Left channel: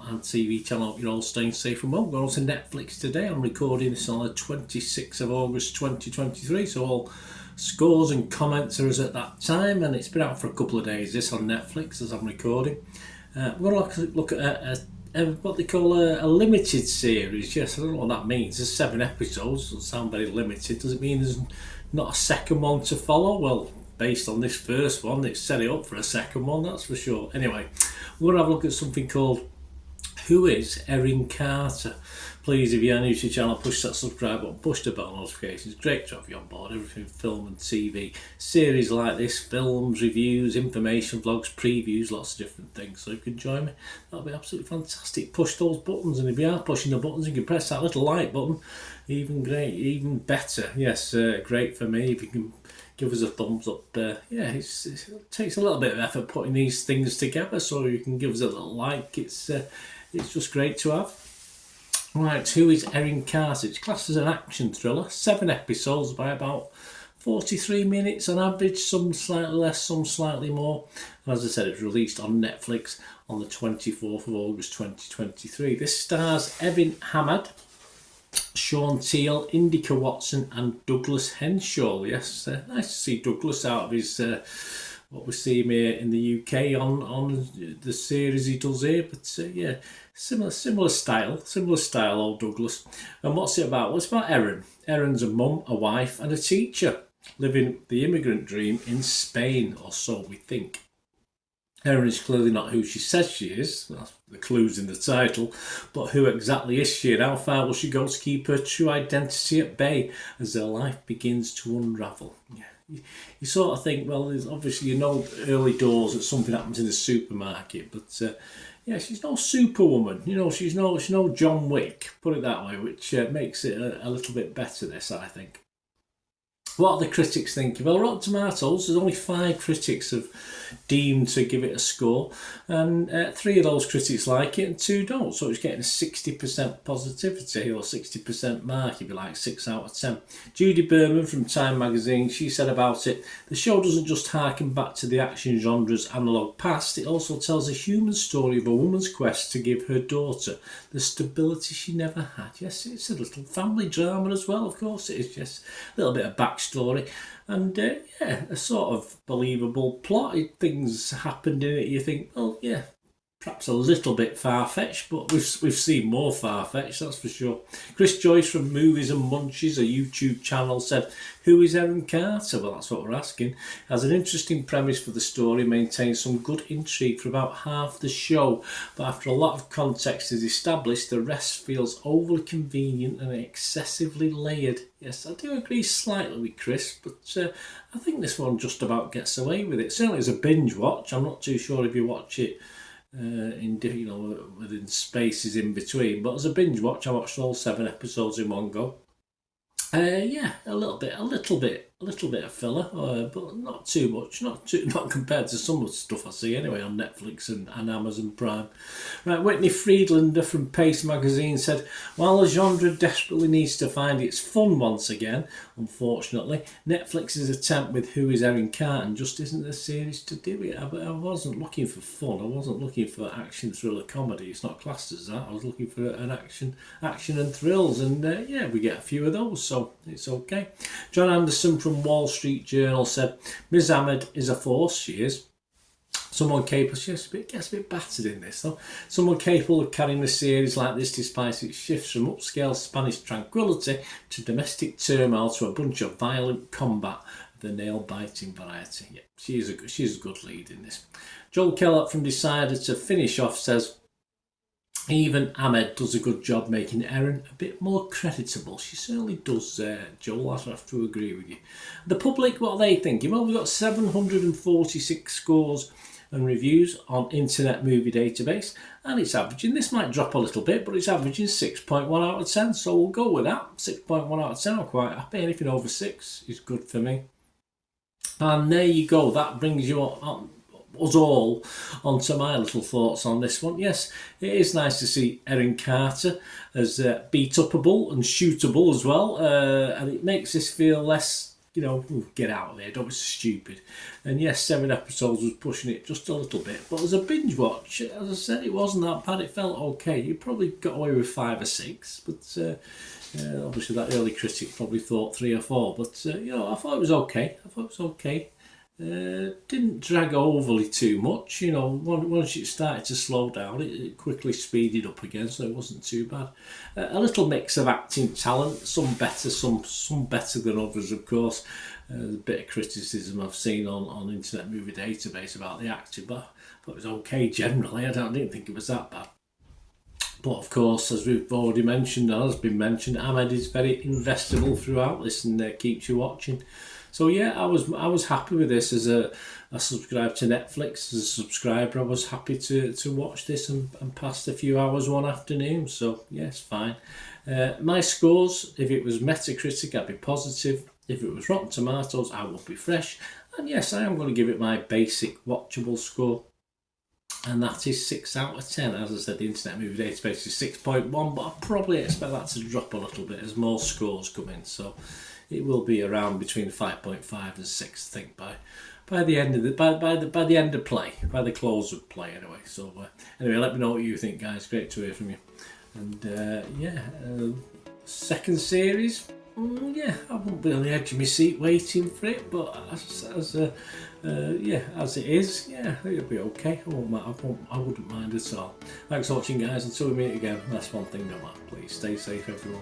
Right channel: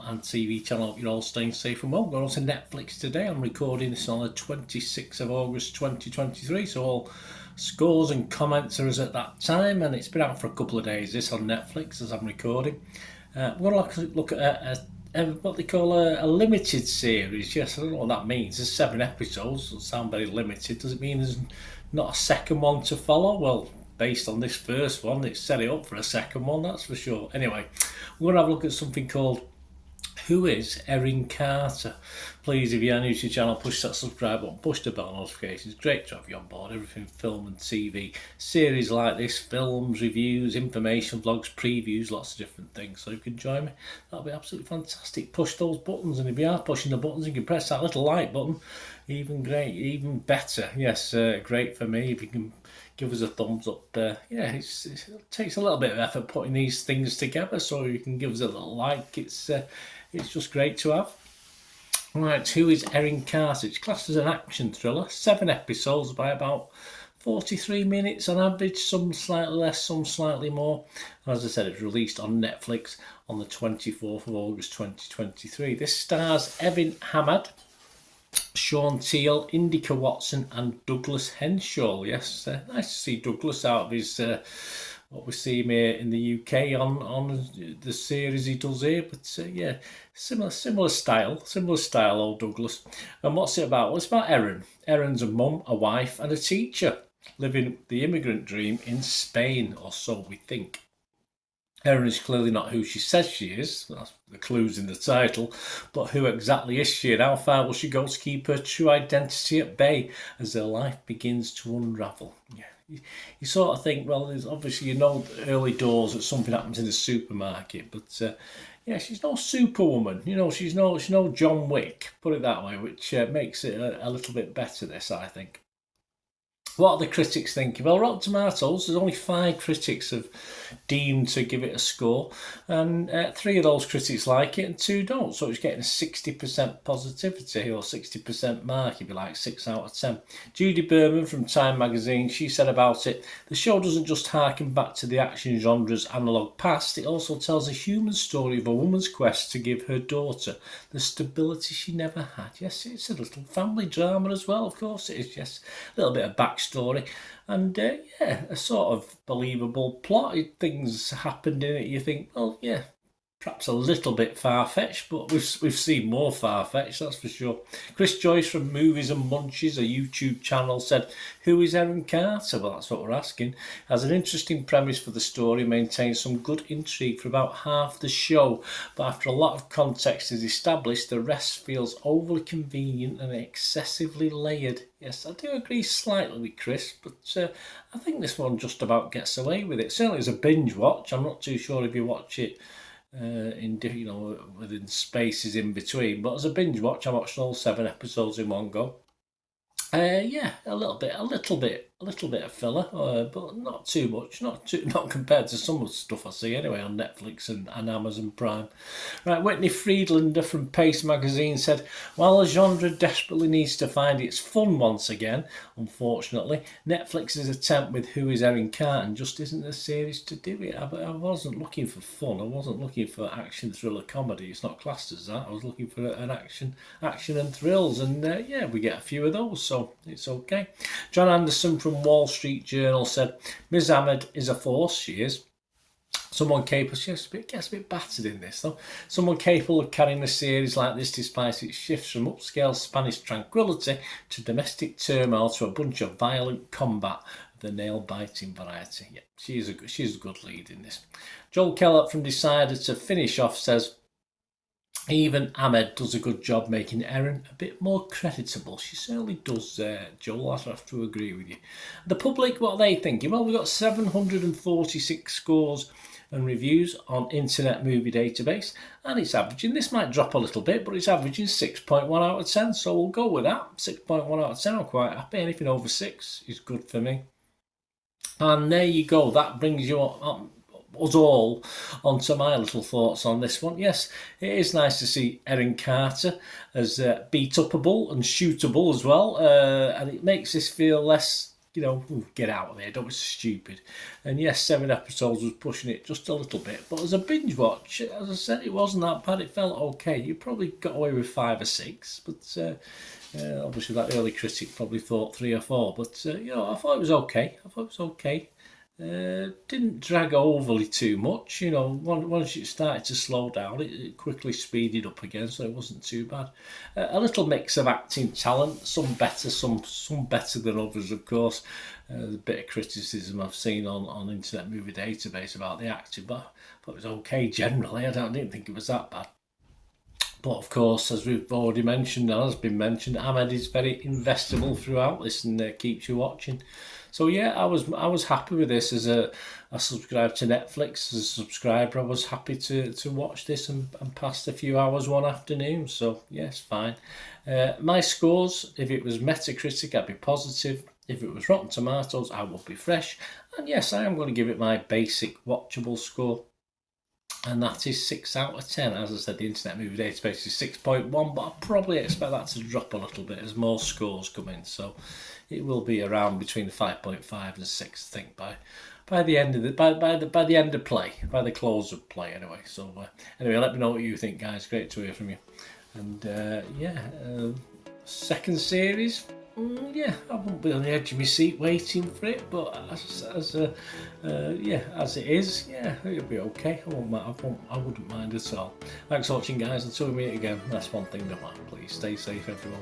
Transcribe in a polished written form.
channel and TV channel. Hope you're all staying safe and well. We're on to Netflix today. I'm recording this on the 26th of August 2023, so all scores and comments are as at that time, and it's been out for a couple of days, this on Netflix as I'm recording. We're going to look at what they call a limited series. Yes, I don't know what that means. There's 7 episodes. Doesn't sound very limited. Does it mean there's not a second one to follow? Well, based on this first one, it's set it up for a second one, that's for sure. Anyway, we're going to have a look at something called Who is ERIN Carter? Please, if you're new to the channel, push that subscribe button, push the bell notifications. Great to have you on board. Everything film and TV. Series like this, films, reviews, information, vlogs, previews, lots of different things. So if you can join me, that'll be absolutely fantastic. Push those buttons, and if you are pushing the buttons, you can press that little like button. Even great, even better. Yes, great for me if you can give us a thumbs up. It takes a little bit of effort putting these things together, so you can give us a little like. It's just great to have. Right, who is ERIN Carter? It's classed as an action thriller. 7 episodes by about 43 minutes on average, some slightly less, some slightly more. As I said, it's released on Netflix on the 24th of August 2023. This stars Evan Hamad, Sean Teal, Indica Watson and Douglas Henshaw. Yes, nice to see Douglas out of his what we see him here in the UK on the series he does here. But yeah, similar style, old Douglas. And what's it about? Well, it's about Erin. Erin's a mum, a wife and a teacher living the immigrant dream in Spain, or so we think. Erin is clearly not who she says she is, that's the clues in the title, but who exactly is she and how far will she go to keep her true identity at bay as her life begins to unravel? Yeah. You sort of think, well, there's obviously, early doors that something happens in the supermarket, but yeah, she's no superwoman, she's no John Wick, put it that way, which makes it a little bit better, this, I think. What are the critics thinking? Well, Rotten Tomatoes, there's only 5 critics have deemed to give it a score, and 3 of those critics like it and 2 don't, so it's getting a 60% positivity, or 60% mark, if you like, 6 out of 10. Judy Berman from Time magazine, she said about it, the show doesn't just harken back to the action genre's analogue past, it also tells a human story of a woman's quest to give her daughter the stability she never had. Yes, it's a little family drama as well, of course it is, yes, a little bit of backstory, and yeah, a sort of believable plot. Things happened in it, you think, oh yeah, perhaps a little bit far-fetched, but we've seen more far-fetched, that's for sure. Chris Joyce from Movies and Munchies, a YouTube channel, said, who is ERIN Carter? Well, that's what we're asking. Has an interesting premise for the story, maintains some good intrigue for about half the show, but after a lot of context is established, the rest feels overly convenient and excessively layered. Yes, I do agree slightly with Chris, but I think this one just about gets away with it. Certainly as a binge watch. I'm not too sure if you watch it within spaces in between, but as a binge watch, I watched all 7 episodes in one go. Yeah, a little bit of filler, but not too much, not compared to some of the stuff I see anyway on Netflix and Amazon Prime. Right, Whitney Friedlander from Pace magazine said, while the genre desperately needs to find its fun once again, unfortunately, Netflix's attempt with Who is ERIN Carter just isn't the series to do it. I wasn't looking for fun, I wasn't looking for action thriller comedy, it's not classed as that, I was looking for an action and thrills, and yeah, we get a few of those, so it's okay. John Anderson from Wall Street Journal said, Ms. Ahmed is a force, she is. Someone capable, she gets a bit battered in this though. Someone capable of carrying a series like this despite its shifts from upscale Spanish tranquility to domestic turmoil to a bunch of violent combat of the nail-biting variety. Yeah, she's a good lead in this. Joel Kellett from Decider to finish off says, even Ahmed does a good job making Erin a bit more creditable. She certainly does, Joel, I have to agree with you. The public, what are they thinking? Well, we've got 746 scores and reviews on Internet Movie Database, and it's averaging, this might drop a little bit, but it's averaging 6.1 out of 10, so we'll go with that. 6.1 out of 10, I'm quite happy. Anything over 6 is good for me. And there you go, that brings you on us all onto my little thoughts on this one. Yes, it is nice to see ERIN Carter as beat-upable and shootable as well, and it makes this feel less you know, get out of there, don't be stupid. And yes, 7 episodes was pushing it just a little bit, but as a binge watch, as I said, it wasn't that bad. It felt okay. You probably got away with 5 or 6, but obviously that early critic probably thought 3 or 4. But you know, I thought it was okay. Didn't drag overly too much, you know. Once it started to slow down, it quickly speeded up again, so it wasn't too bad. A little mix of acting talent, some better, some better than others, of course. The bit of criticism I've seen on Internet Movie Database about the acting, but I thought it was okay generally. I didn't think it was that bad. But of course, as we've already mentioned, and has been mentioned, Ahmed is very investable throughout this and keeps you watching. So yeah, I was happy with this. As I subscribed to Netflix, as a subscriber, I was happy to watch this and passed a few hours one afternoon. So yes, fine. My scores, if it was Metacritic, I'd be positive. If it was Rotten Tomatoes, I would be fresh. And yes, I am going to give it my basic watchable score. And that is 6 out of 10. As I said, the Internet Movie Database is 6.1, but I probably expect that to drop a little bit as more scores come in. So it will be around between 5.5 and 6, I think, by the end of by the end of play, by the close of play, anyway. So anyway, let me know what you think, guys. Great to hear from you. And second series. Yeah, I won't be on the edge of my seat waiting for it, but as it is, yeah, it'll be okay. I wouldn't mind at all. Thanks for watching, guys. Until we meet again, that's one thing that matters. Please stay safe, everyone.